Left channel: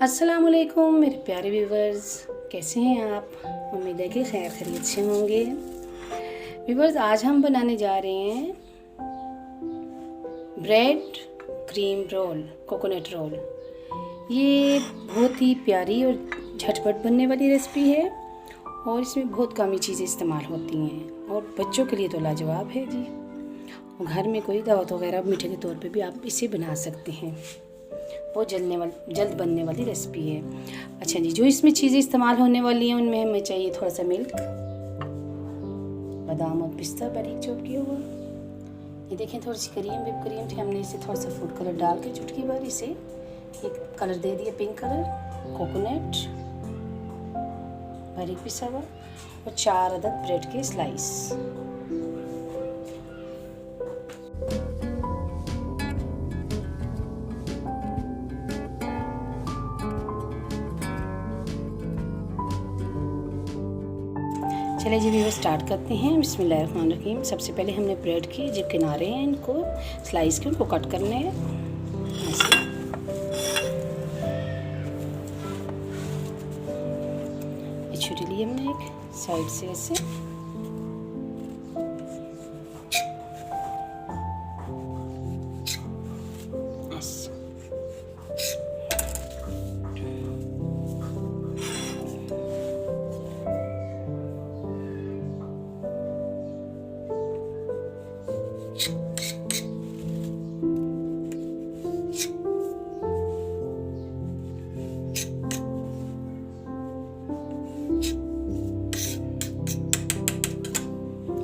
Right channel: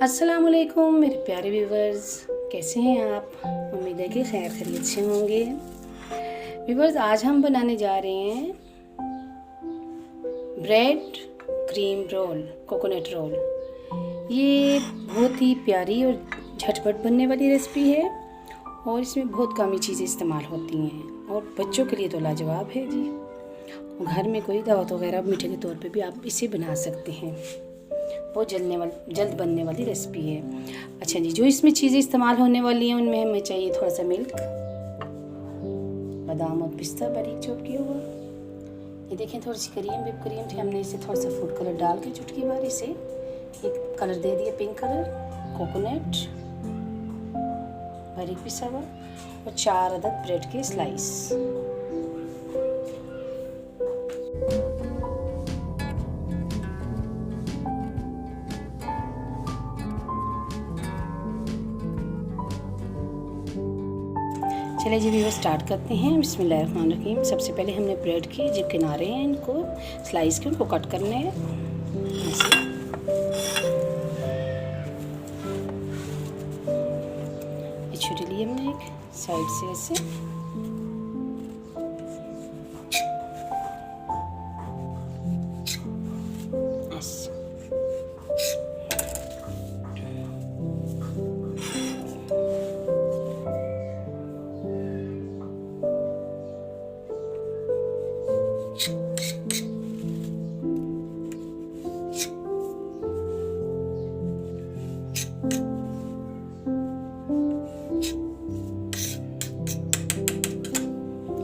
अस्सलामुअलैकुम मेरे प्यारे व्यूवर्स, कैसे हैं आप? उम्मीद है कि खैर खैरियत से होंगे। व्यूवर्स, आज हम बनाने जा रहे हैं bread cream roll, coconut roll. ये बहुत ही प्यारी और झटपट बनने वाली रेसिपी है और इसमें बहुत कम ही चीज़ें इस्तेमाल होती हैं और बच्चों के लिए तो लाजवाब है जी। घर में कोई दावत वगैरह मीठे के तौर पे भी आप इसे बना सकते हैं। बहुत जल्द बनने वाली रेसिपी है। अच्छा जी, जो इसमें चीज़ें इस्तेमाल होने वाली हैं उनमें हमें चाहिए थोड़ा सा मिल्क, बादाम और पिस्ता बारीक चॉप किया हुआ। ये देखें, थोड़ी सी क्रीम, विप क्रीम थी, हमने इसे थोड़ा सा फूड कलर डाल के चुटकी बार इसे एक कलर दे दिया, पिंक कलर। कोकोनट बारीक पिसा हुआ और 4 अदद ब्रेड के स्लाइस। चलिए जी व्यूअर्स, स्टार्ट करते हैं। बिस्मिल्लाहिर्रहमानिर्रहीम। सबसे पहले हमने ब्रेड के जो किनारे हैं इनको स्लाइस के उनको कट करने हैं ऐसे। ये छुरी ली हमने एक साइड से ऐसे।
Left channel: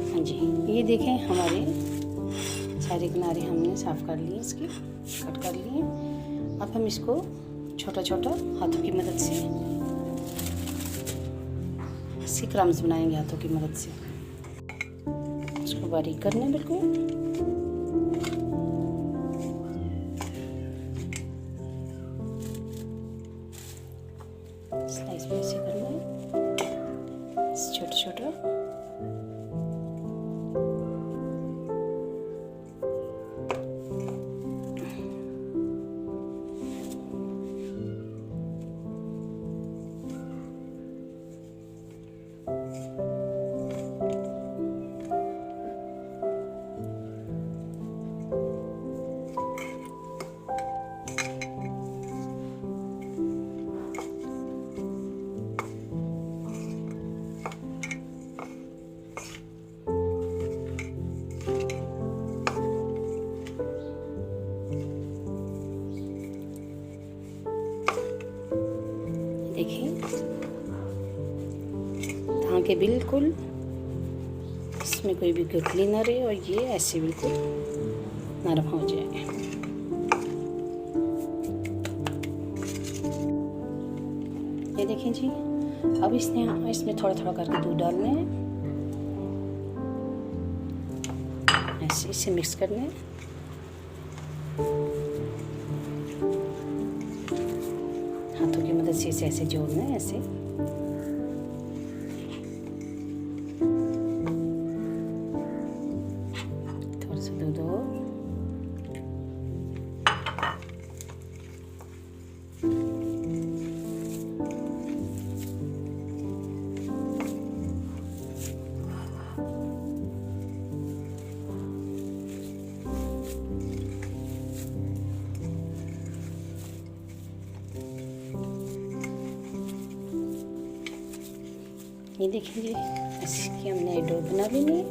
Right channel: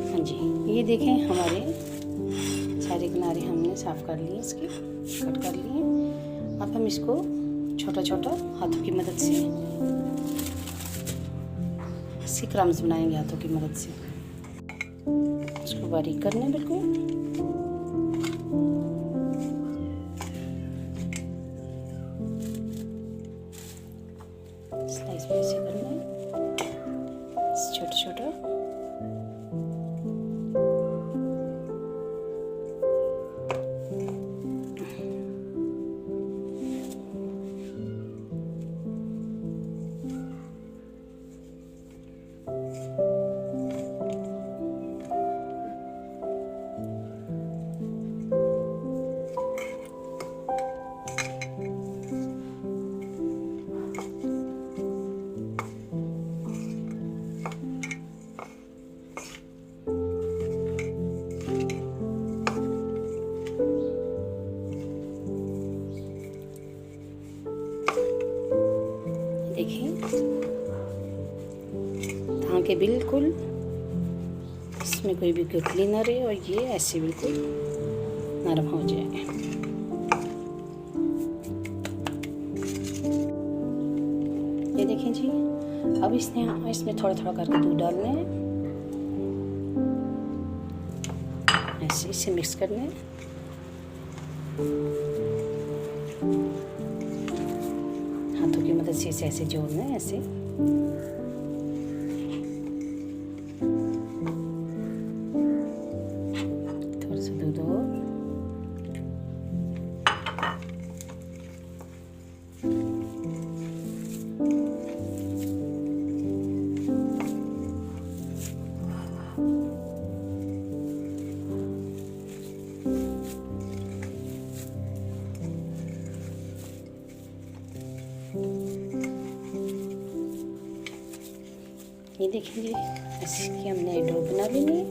हाँ जी, ये देखें हमारे सारे किनारे हमने साफ़ कर लिए, इसके कट कर लिए। अब हम इसको छोटा छोटा हाथों की मदद से इसके क्रम्स बनाएंगे हाथों की मदद से। इसको बारीक करना बिल्कुल। स्लाइस पे ऐसे करना है छोटा छोटा। देखिए, ताकि बिल्कुल इसमें कोई भी गुठली ना रहे और ये ऐसे बिल्कुल नरम हो जाए। ये देखें जी, अब इसमें थोड़ा थोड़ा करके दूध डालना है ऐसे, इसे मिक्स करना है। हाथों की मदद से इसे ऐसे जोड़ना है ऐसे। थोड़ा सा दूध और ये देखिए, इसकी हमने डो बना लेनी है।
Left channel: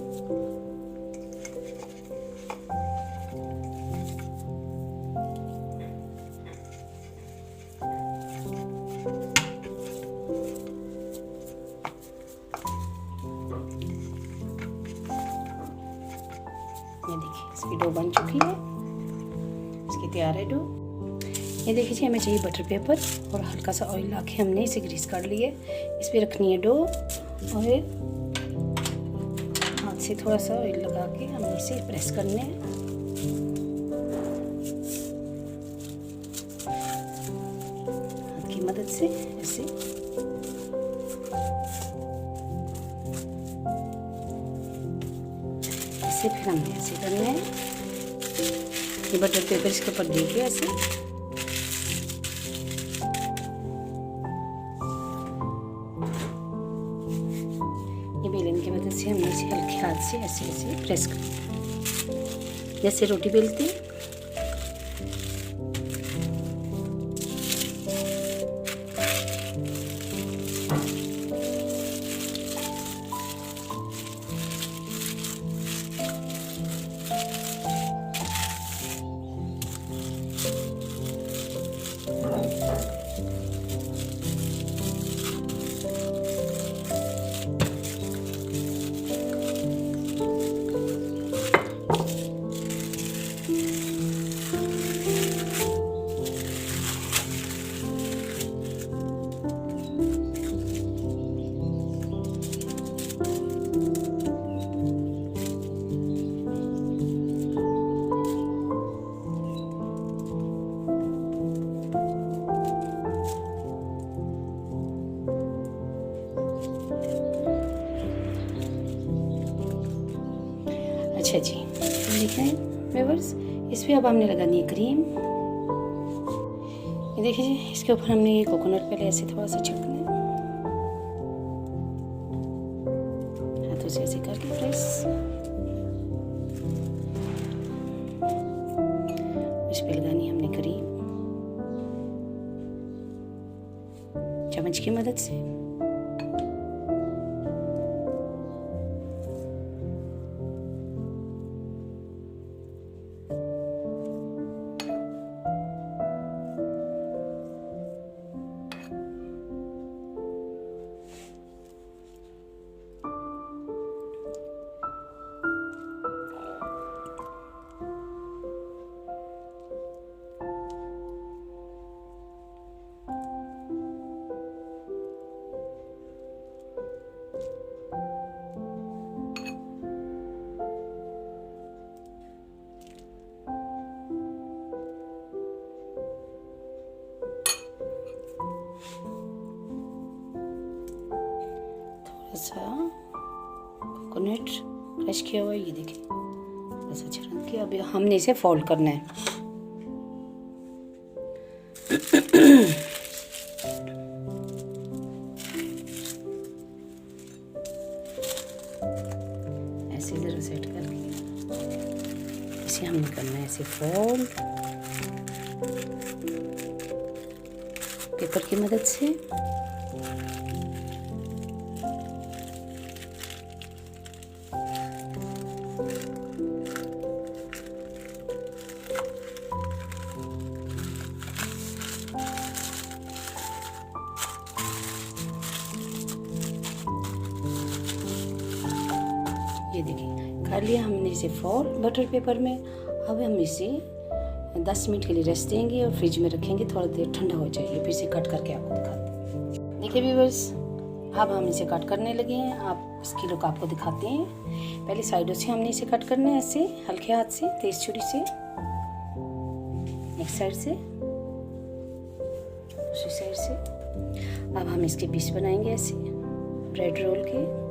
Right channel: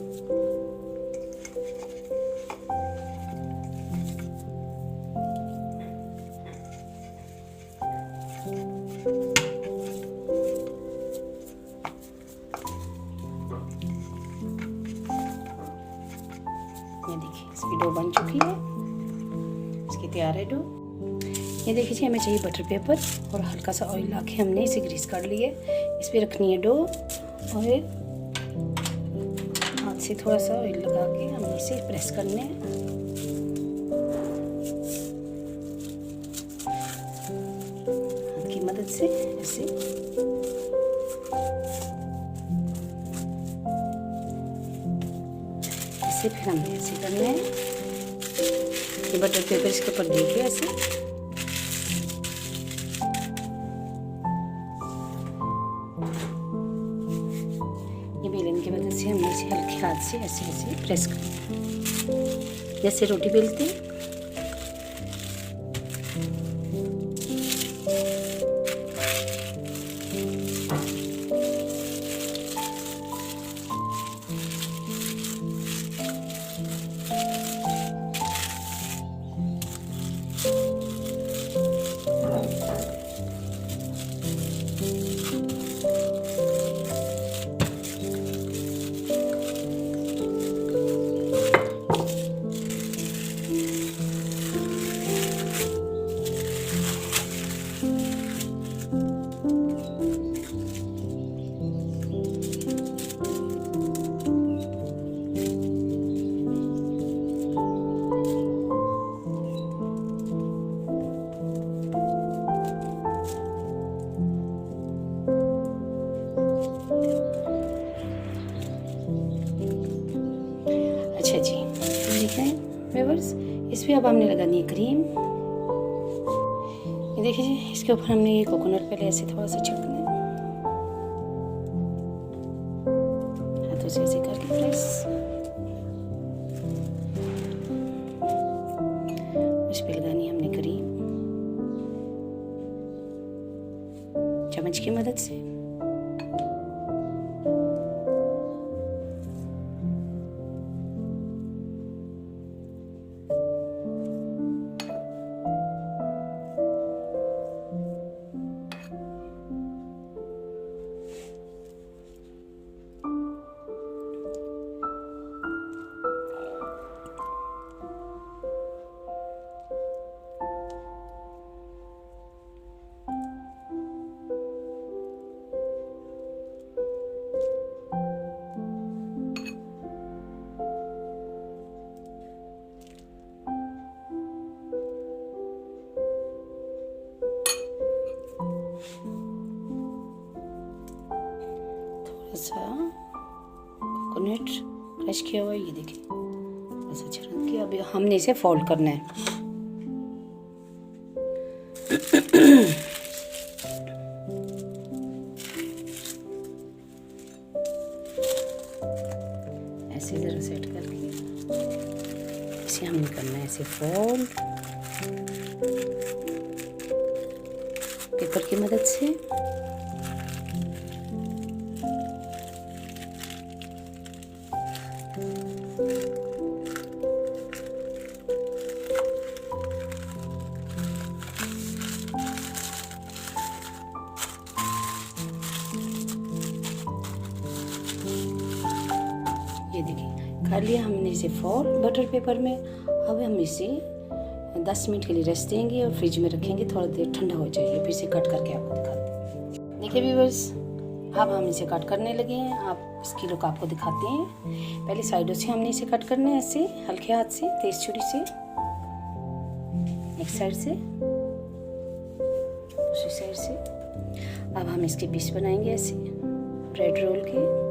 ये देखिए, इसकी डो बन चुकी है, इसकी तैयार है डो। ये देखिए जी, हमें चाहिए बटर पेपर और हल्का सा ऑयल लाके हमने इसे ग्रीस कर लिए। इस पर रखनी है डो और हाथ से थोड़ा सा ऑयल लगा के हमने इसे प्रेस करने हैं। हाथ की मदद से ऐसे। ऐसे फिर हमने ऐसे करना है। ये बटर पेपर इसके ऊपर दे के ऐसे बेलन की मदद से हमने इसे हल्के हाथ से ऐसे ऐसे प्रेस करना है, जैसे रोटी बेलते हैं। अच्छा जी, देखें व्यूअर्स, इस पर अब हमने लगानी है क्रीम। ये देखिए जी, इसके ऊपर हमने ये कोकोनट पहले ऐसे थोड़ा सा छिड़कना है, हाथों से ऐसे करके प्रेस। इस पर लगानी है हमने क्रीम चम्मच की मदद से। सा कोकोनट क्रश किया हुआ है, ये देखिए ऐसा छिड़क के अभी हमने इसे फोल्ड करना है। ऐसे ज़रा सेट करके इसे हमने करना है ऐसे फोल्ड पेपर की मदद से। ये देखिए कर लिया हमने इसे फोल्ड बटर पेपर में। अब हम इसे 10 मिनट के लिए रेस्ट देंगे और फ्रिज में रखेंगे, थोड़ा देर ठंडा हो जाएगी, फिर इसे कट करके आपको दिखाते हैं। देखिए व्यूअर्स, अब हम इसे कट करने लगे हैं। आप इसकी लुक आपको दिखाते हैं। पहले साइडों से हमने इसे कट करना है ऐसे हल्के हाथ से, तेज छुरी से, एक साइड से, दूसरी साइड से। अब हम इसके पीस बनाएंगे ऐसे ब्रेड रोल के।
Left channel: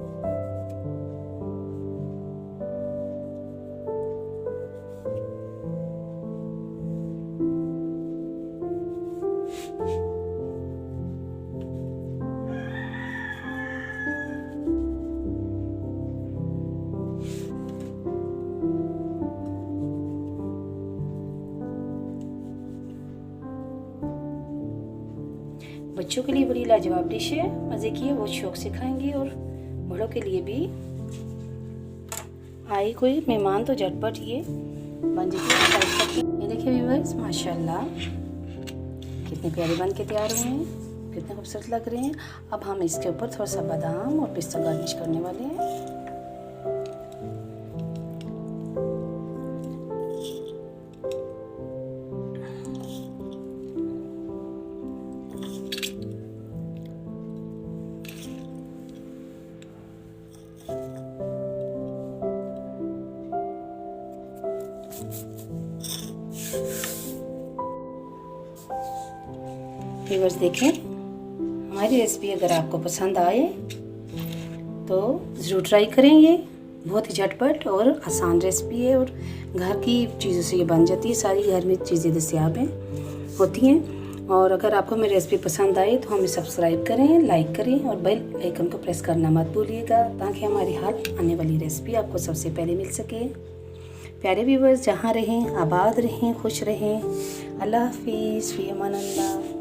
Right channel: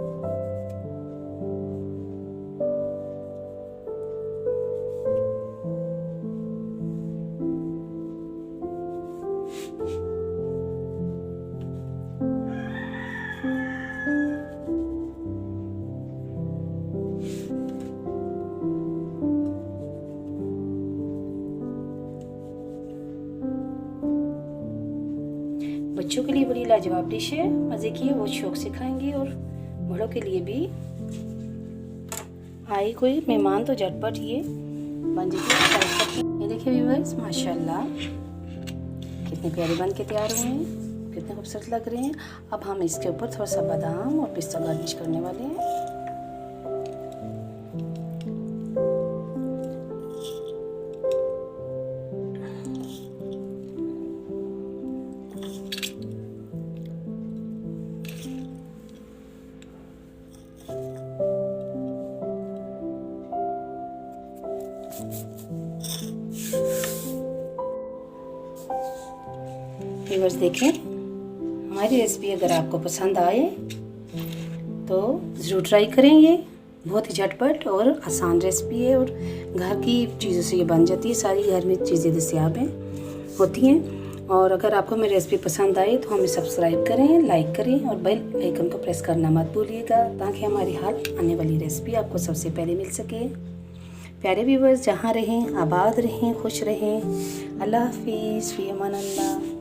बच्चों के लिए बड़ी लाजवाब डिश है, मज़े की है, वो शौक से खाएंगे। और बड़ों के लिए भी, आए कोई मेहमान तो झटपट ये बन जाती है। ये देखिए व्यूअर्स, माशाल्लाह कितने प्यारे बन के तैयार हुए हैं, कितने खूबसूरत लग रहे हैं। अब हम इसके ऊपर थोड़ा सा बादाम और पिस्ता गार्निश करने वाले हैं। व्यूअर्स देखें, हमारी रेसिपी अगर आपको पसंद आए तो ज़रूर ट्राई करें। ये बहुत ही झटपट और आसान रेसिपी है और घर की चीज़ों से ये बन जाती है। सारी घर में चीज़ें दस्तियाब हैं होती हैं। और अगर आपको मेरी रेसिपी पसंद आई तो हमें सब्सक्राइब करें, लाइक करें और बेल आइकन को प्रेस करना मत भूलिएगा, ताकि हमारी हर आने वाली रेसिपी आपको सबसे पहले मिल सके। प्यारे व्यूवर्स, जहाँ रहें आबाद रहें, खुश रहें। अल्लाह हाफिज़, फ़ी अमान अल्लाह।